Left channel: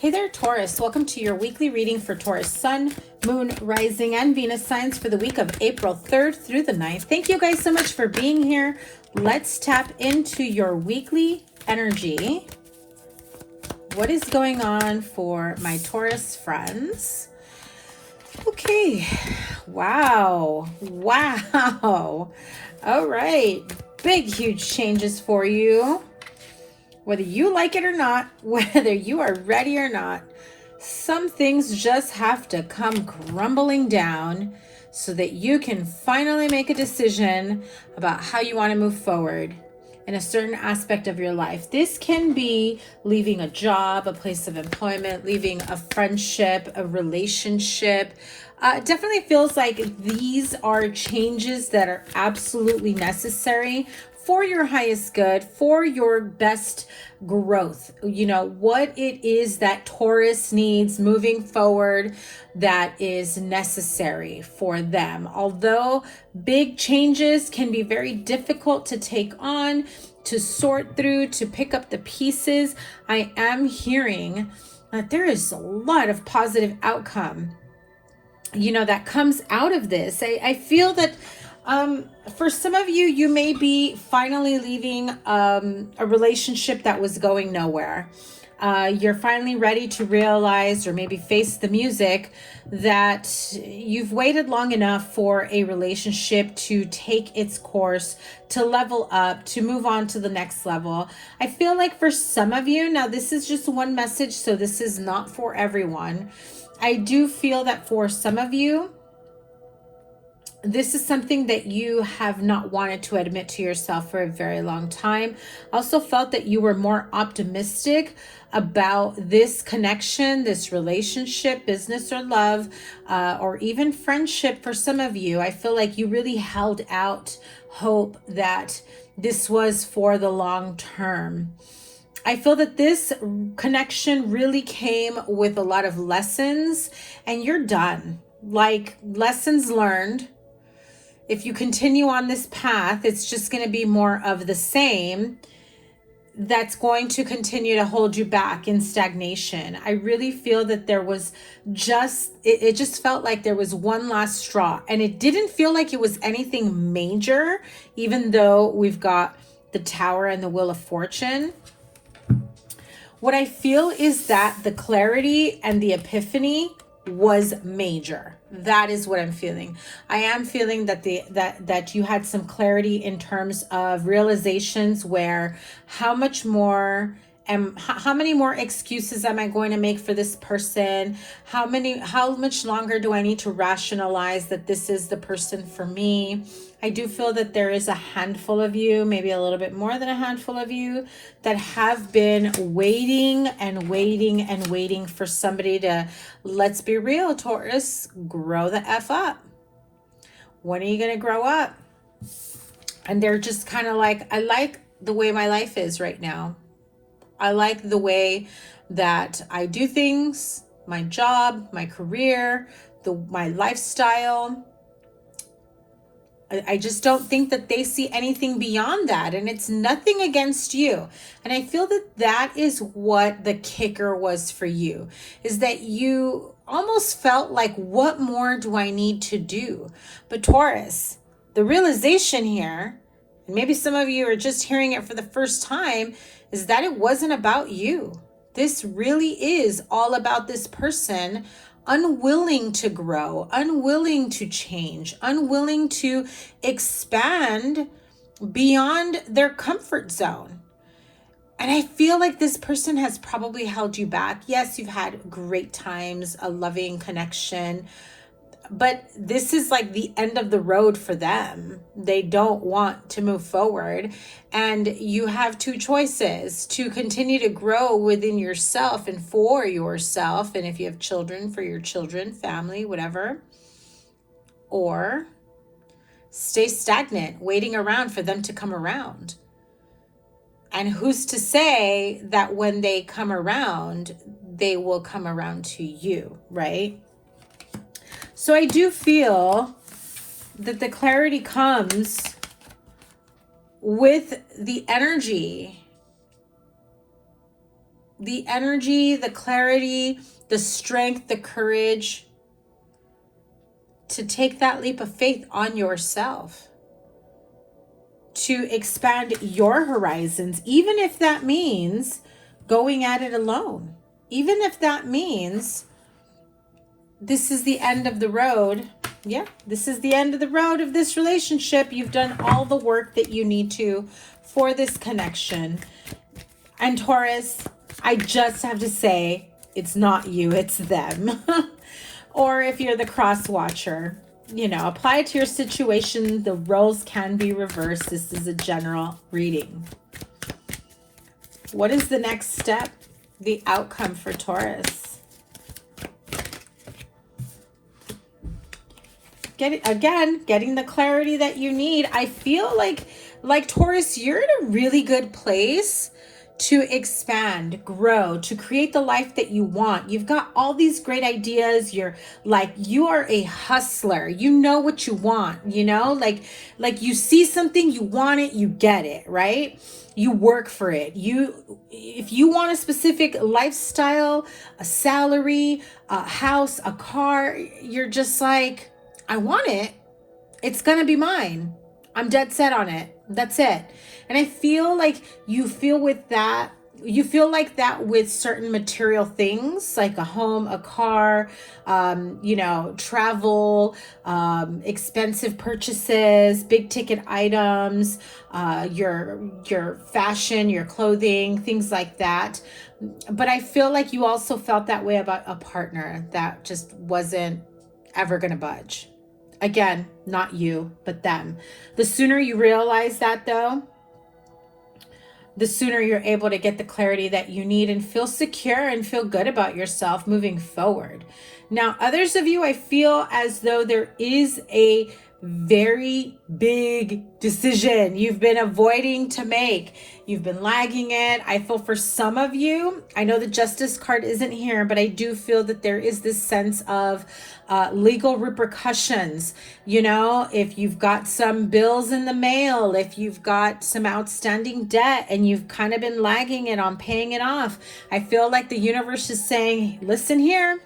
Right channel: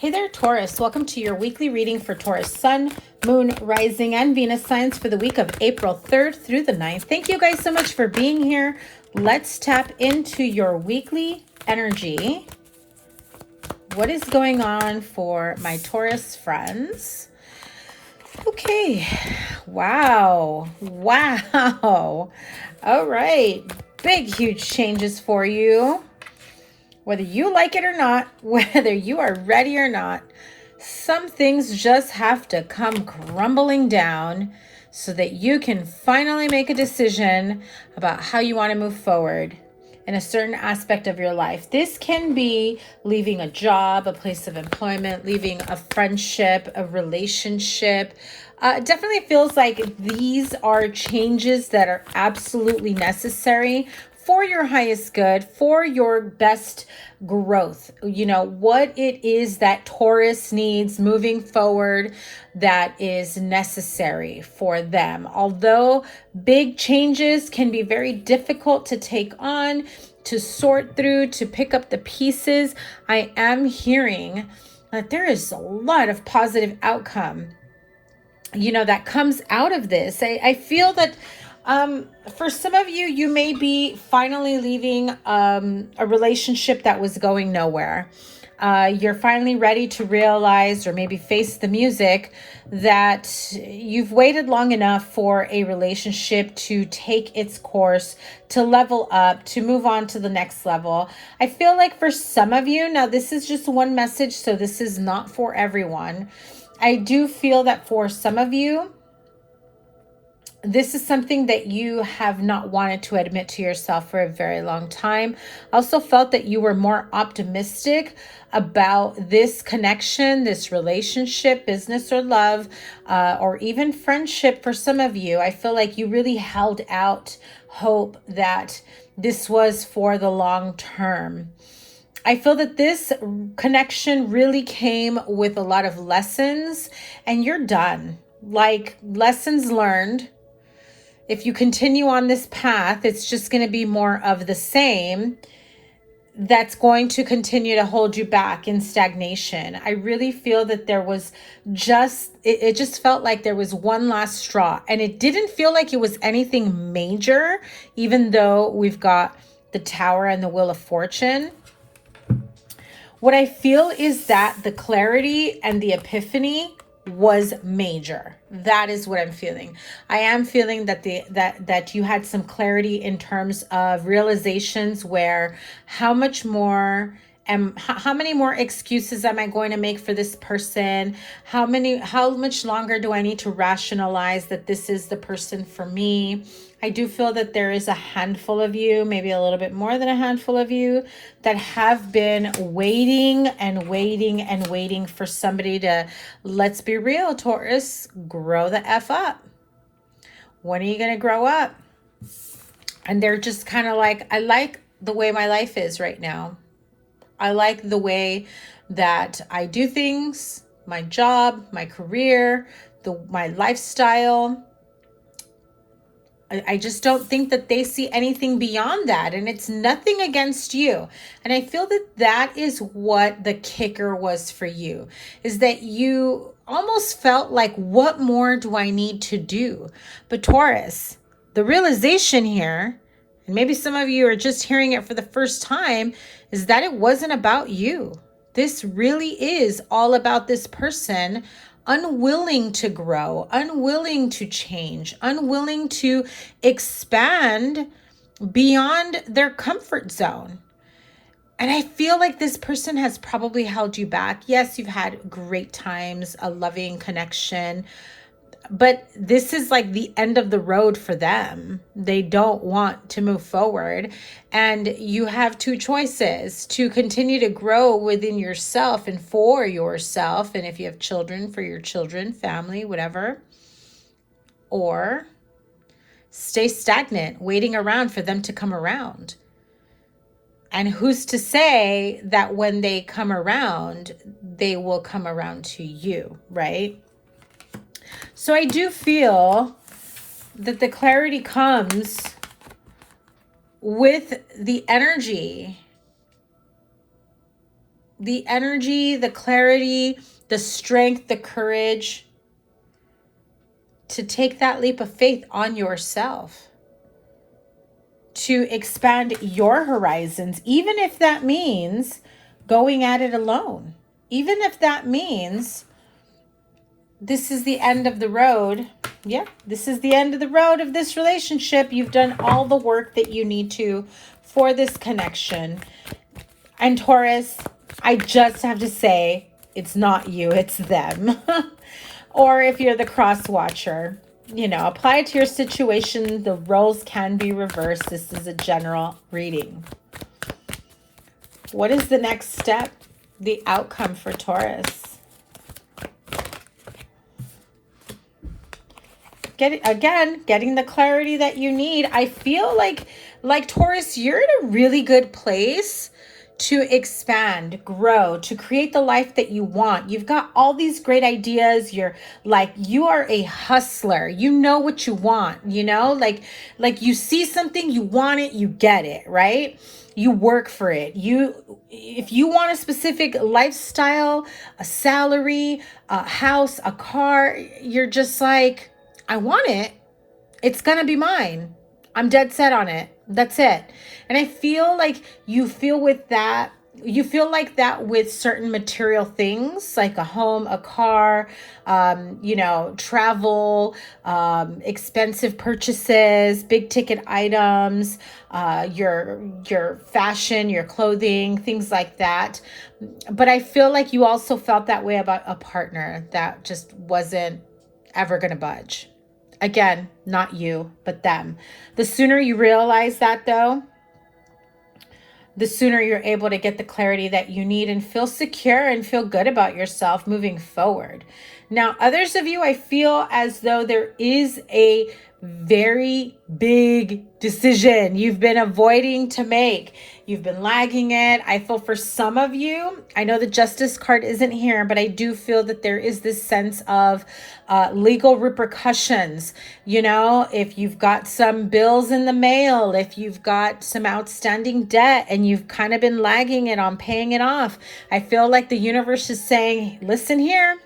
Hey there, Taurus. Welcome to your weekly reading for Taurus Sun, Moon, Rising, and Venus signs for the week of April 3rd through the 9th. Thank you guys so much for being here. Let's tap into your weekly energy. What is going on for my Taurus friends? Okay. Wow. Wow. All right. Big, huge changes for you. Whether you like it or not, whether you are ready or not, some things just have to come crumbling down so that you can finally make a decision about how you want to move forward in a certain aspect of your life. This can be leaving a job, a place of employment, leaving a friendship, a relationship. It definitely feels like these are changes that are absolutely necessary for your highest good, for your best growth. You know, what it is that Taurus needs moving forward that is necessary for them. Although big changes can be very difficult to take on, to sort through, to pick up the pieces, I am hearing that there is a lot of positive outcome, you know, that comes out of this. I feel that for some of you, you may be finally leaving a relationship that was going nowhere. You're finally ready to realize, or maybe face the music, that you've waited long enough for a relationship to take its course, to level up, to move on to the next level. I feel like for some of you, now this is just one message, so this is not for everyone. I do feel that for some of you, this is something that you have not wanted to admit to yourself for a very long time. I also felt that you were more optimistic about this connection, this relationship, business or love, or even friendship for some of you. I feel like you really held out hope that this was for the long term. I feel that this connection really came with a lot of lessons, and you're done. Like, lessons learned. If you continue on this path, it's just going to be more of the same. That's going to continue to hold you back in stagnation. I really feel that there was it just felt like there was one last straw, and it didn't feel like it was anything major, even though we've got the Tower and the Wheel of Fortune. What I feel is that the clarity and the epiphany was major. That is what I'm feeling. I am feeling that that you had some clarity in terms of realizations where how many more excuses am I going to make for this person? How much longer do I need to rationalize that this is the person for me? I do feel that there is a handful of you, maybe a little bit more than a handful of you, that have been waiting and waiting and waiting for somebody to, let's be real, Taurus, grow the F up. When are you going to grow up? And they're just kind of like, I like the way my life is right now. I like the way that I do things, my job, my career, my lifestyle. I just don't think that they see anything beyond that. And it's nothing against you. And I feel that that is what the kicker was for you, is that you almost felt like, what more do I need to do? But Taurus, the realization here, and maybe some of you are just hearing it for the first time, is that it wasn't about you. This really is all about this person unwilling to grow, unwilling to change, unwilling to expand beyond their comfort zone. And I feel like this person has probably held you back. Yes, you've had great times, a loving connection, but this is like the end of the road for them. They don't want to move forward. And you have two choices: to continue to grow within yourself and for yourself. And if you have children, for your children, family, whatever. Or stay stagnant, waiting around for them to come around. And who's to say that when they come around, they will come around to you, right? So I do feel that the clarity comes with the energy the energy, the clarity, the strength, the courage to take that leap of faith on yourself, to expand your horizons, even if that means going at it alone, even if that means this is the end of the road. Yeah, this is the end of the road of this relationship. You've done all the work that you need to for this connection. And Taurus, I just have to say, it's not you, it's them. Or if you're the cross watcher, you know, apply it to your situation. The roles can be reversed. This is a general reading. What is the next step? The outcome for Taurus. Getting the clarity that you need. I feel like Taurus, you're in a really good place to expand, grow, to create the life that you want. You've got all these great ideas. You are a hustler. You know what you want, you know, like you see something, you want it, you get it, right? You work for it. If you want a specific lifestyle, a salary, a house, a car, you're just like, I want it. It's going to be mine. I'm dead set on it. That's it. And I feel like you feel like that with certain material things, like a home, a car, you know, travel, expensive purchases, big ticket items, your fashion, your clothing, things like that. But I feel like you also felt that way about a partner that just wasn't ever going to budge. Again, not you, but them. The sooner you realize that, though, the sooner you're able to get the clarity that you need and feel secure and feel good about yourself moving forward. Now, others of you, I feel as though there is a very big decision you've been avoiding to make. You've been lagging it. I feel for some of you, I know the Justice card isn't here, but I do feel that there is this sense of legal repercussions. You know, if you've got some bills in the mail, if you've got some outstanding debt and you've kind of been lagging it on paying it off, I feel like the universe is saying, listen here,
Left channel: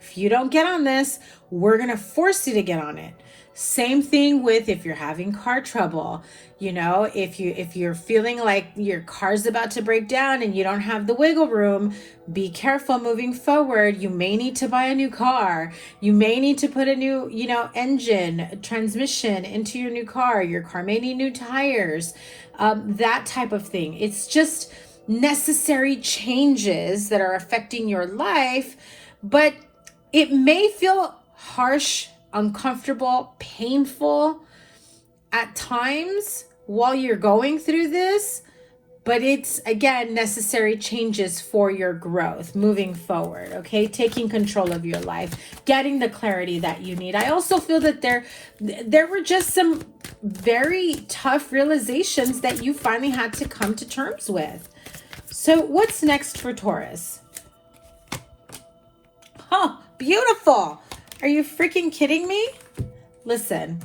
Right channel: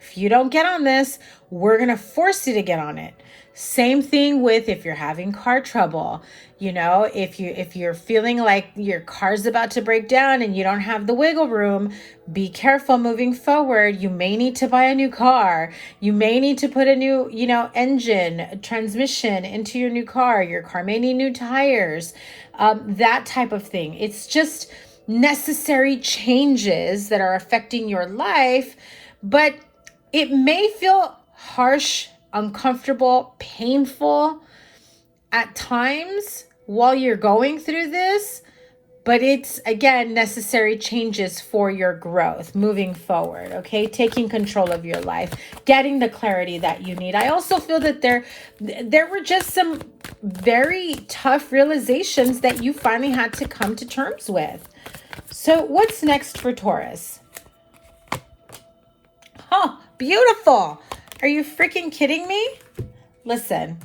if you don't get on this, we're going to force you to get on it. Same thing with if you're having car trouble, you know, if you're feeling like your car's about to break down and you don't have the wiggle room, be careful moving forward. You may need to buy a new car. You may need to put a new, you know, engine, transmission into your new car. Your car may need new tires, that type of thing. It's just necessary changes that are affecting your life, but it may feel harsh, uncomfortable, painful at times while you're going through this, but it's, again, necessary changes for your growth moving forward, okay? Taking control of your life, getting the clarity that you need. I also feel that there were just some very tough realizations that you finally had to come to terms with. So what's next for Taurus? Oh, beautiful. Are you freaking kidding me? Listen,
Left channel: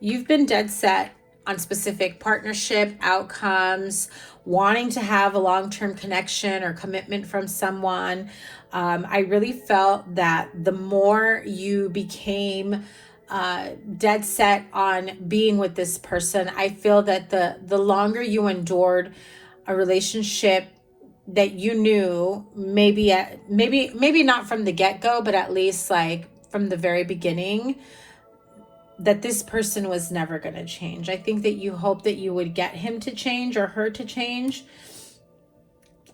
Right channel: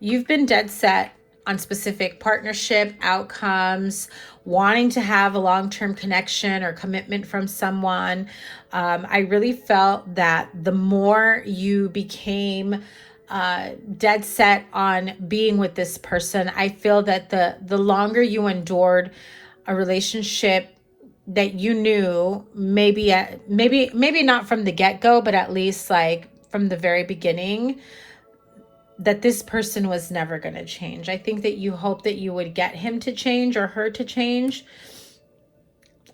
you've been dead set on specific partnership outcomes, wanting to have a long-term connection or commitment from someone. I really felt that the more you became dead set on being with this person, I feel that the longer you endured a relationship that you knew maybe not from the get-go, but at least like from the very beginning, that this person was never going to change. I think that you hope that you would get him to change or her to change.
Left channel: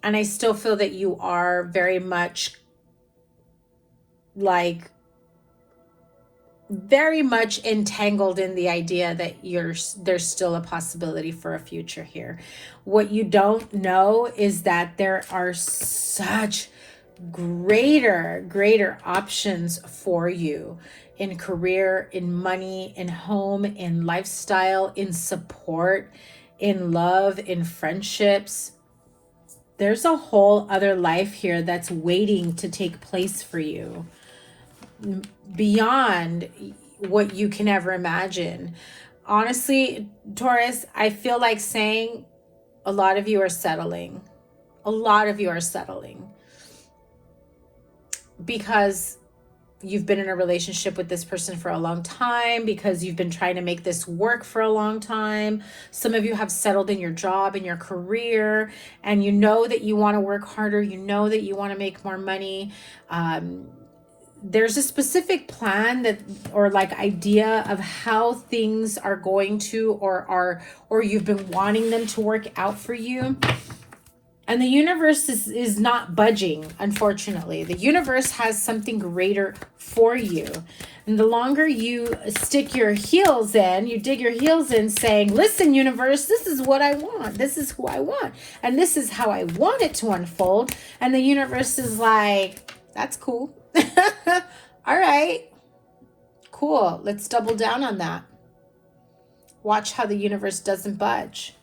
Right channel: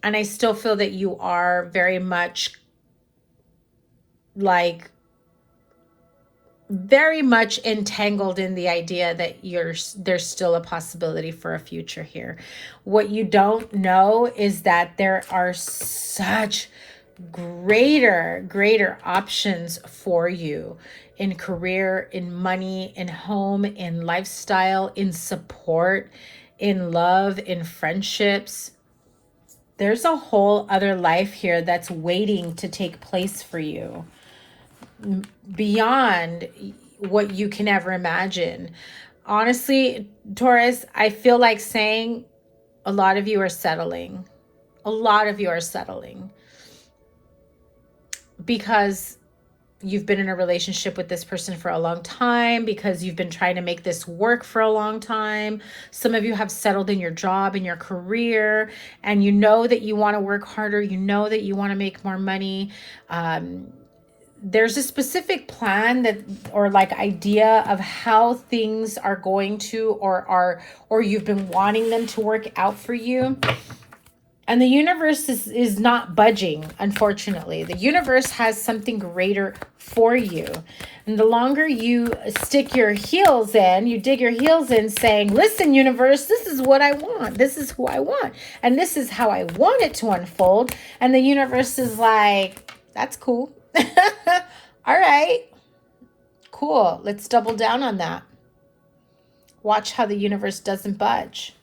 And I still feel that you are very much entangled in the idea that there's still a possibility for a future here. What you don't know is that there are such greater options for you in career, in money, in home, in lifestyle, in support, in love, in friendships. There's a whole other life here that's waiting to take place for you, beyond what you can ever imagine. Honestly, Taurus, I feel like saying a lot of you are settling. A lot of you are settling because you've been in a relationship with this person for a long time, because you've been trying to make this work for a long time. Some of you have settled in your job, in your career, and you know that you want to work harder. You know that you want to make more money. There's a specific plan that, or like idea of how things are going to, or you've been wanting them to work out for you. And the universe is not budging, unfortunately. The universe has something greater for you. And the longer you stick your heels in, you dig your heels in saying, listen, universe, this is what I want. This is who I want. And this is how I want it to unfold. And the universe is like, that's cool. All right, cool. Let's double down on that. Watch how the universe doesn't budge.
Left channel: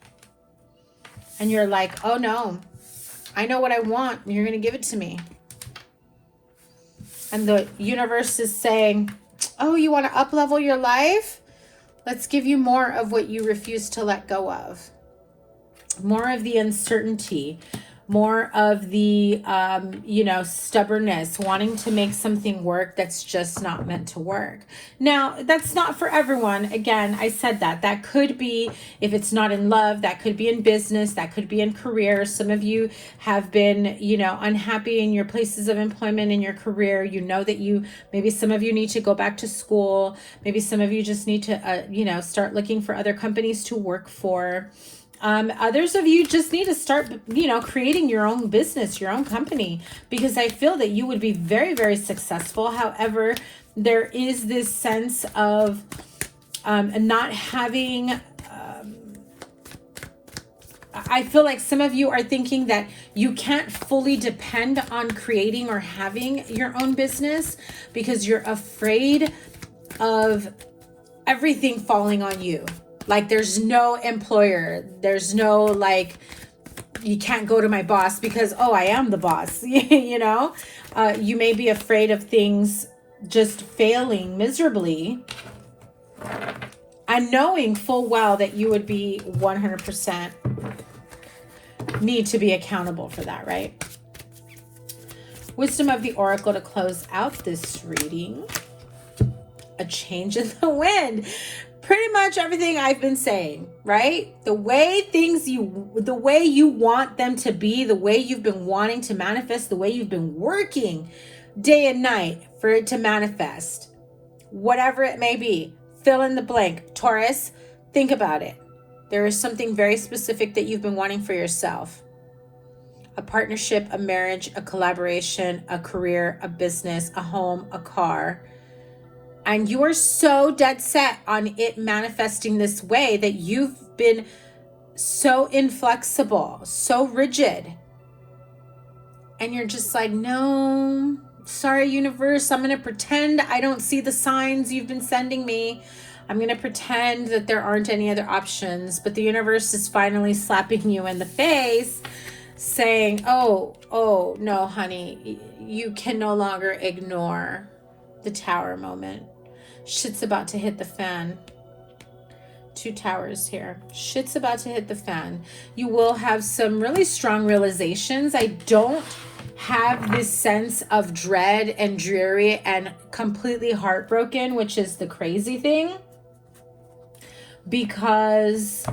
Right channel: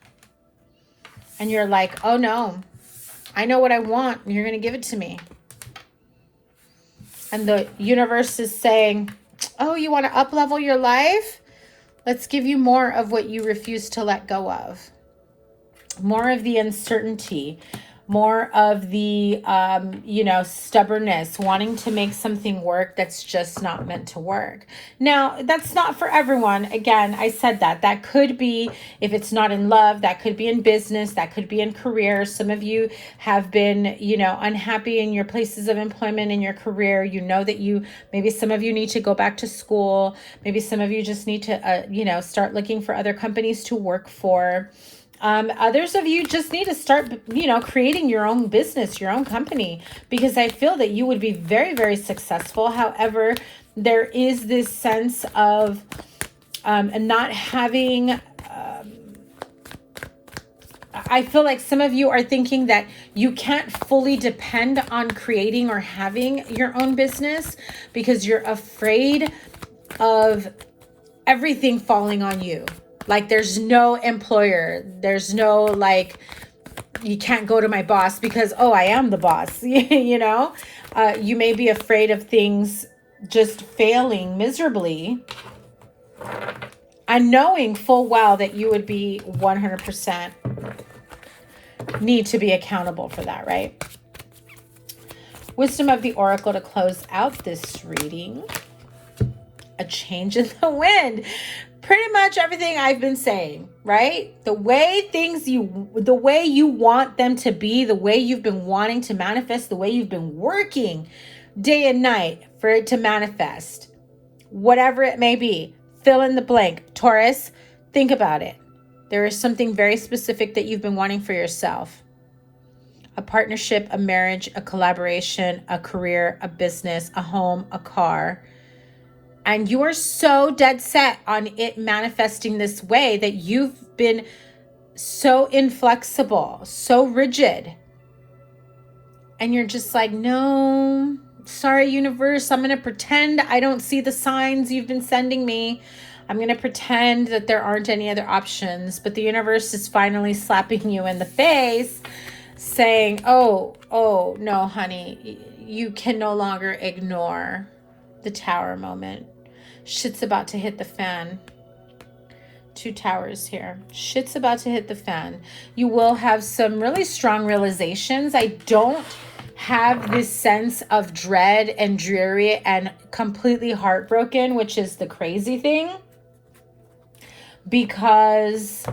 And you're like, oh no, I know what I want. You're going to give it to me. And the universe is saying, oh, you want to up-level your life? Let's give you more of what you refuse to let go of. More of the uncertainty. More of the, stubbornness, wanting to make something work that's just not meant to work. Now, that's not for everyone. Again, I said that. That could be, if it's not in love, that could be in business, that could be in career. Some of you have been, unhappy in your places of employment, in your career. You know that maybe some of you need to go back to school. Maybe some of you just need to, start looking for other companies to work for. Others of you just need to start, creating your own business, your own company, because I feel that you would be very, very successful. However, there is this sense of not having, I feel like some of you are thinking that you can't fully depend on creating or having your own business because you're afraid of everything falling on you. Like there's no employer, there's no you can't go to my boss because, oh, I am the boss, you may be afraid of things just failing miserably and knowing full well that you would be 100% need to be accountable for that, right? Wisdom of the Oracle to close out this reading. A change in the wind. Pretty much everything I've been saying, right? The way you want them to be, the way you've been wanting to manifest, the way you've been working day and night for it to manifest, whatever it may be, fill in the blank. Taurus, think about it. There is something very specific that you've been wanting for yourself. A partnership, a marriage, a collaboration, a career, a business, a home, a car. And you are so dead set on it manifesting this way that you've been so inflexible, so rigid. And you're just like, no, sorry, universe, I'm going to pretend I don't see the signs you've been sending me. I'm going to pretend that there aren't any other options. But the universe is finally slapping you in the face saying, oh, no, honey, you can no longer ignore the Tower moment. Shit's about to hit the fan. 2 towers here. Shit's about to hit the fan. You will have some really strong realizations. I don't have this sense of dread and dreary and completely heartbroken, which is the crazy thing, because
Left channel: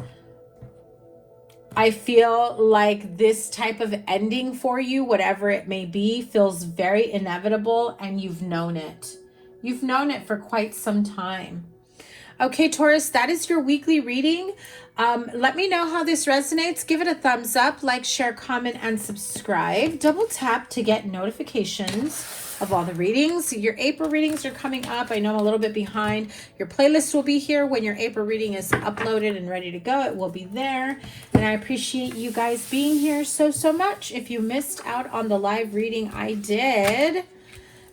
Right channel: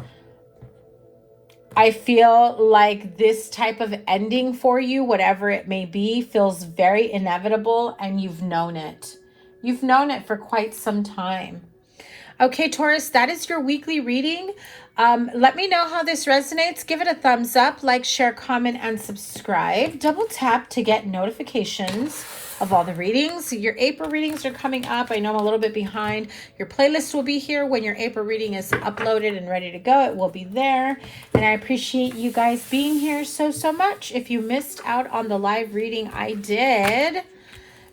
I feel like this type of ending for you, whatever it may be, feels very inevitable, and you've known it. You've known it for quite some time. Okay, Taurus, that is your weekly reading. Let me know how this resonates. Give it a thumbs up, like, share, comment, and subscribe. Double tap to get notifications of all the readings. Your April readings are coming up. I know I'm a little bit behind. Your playlist will be here when your April reading is uploaded and ready to go. It will be there. And I appreciate you guys being here so much. If you missed out on the live reading I did,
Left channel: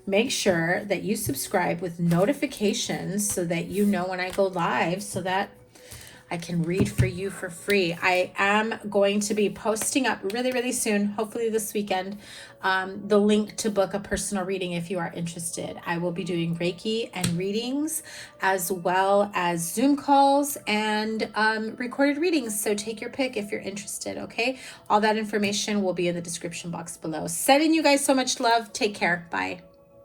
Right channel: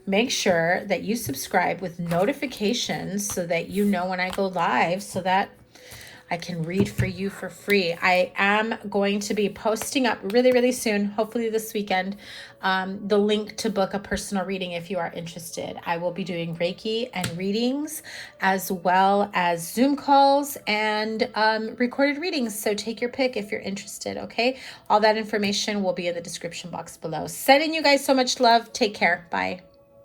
make sure that you subscribe with notifications so that you know when I go live, so that I can read for you for free. I am going to be posting up really, really soon, hopefully this weekend, the link to book a personal reading if you are interested. I will be doing Reiki and readings, as well as Zoom calls and recorded readings. So take your pick if you're interested, okay? All that information will be in the description box below. Sending you guys so much love. Take care. Bye.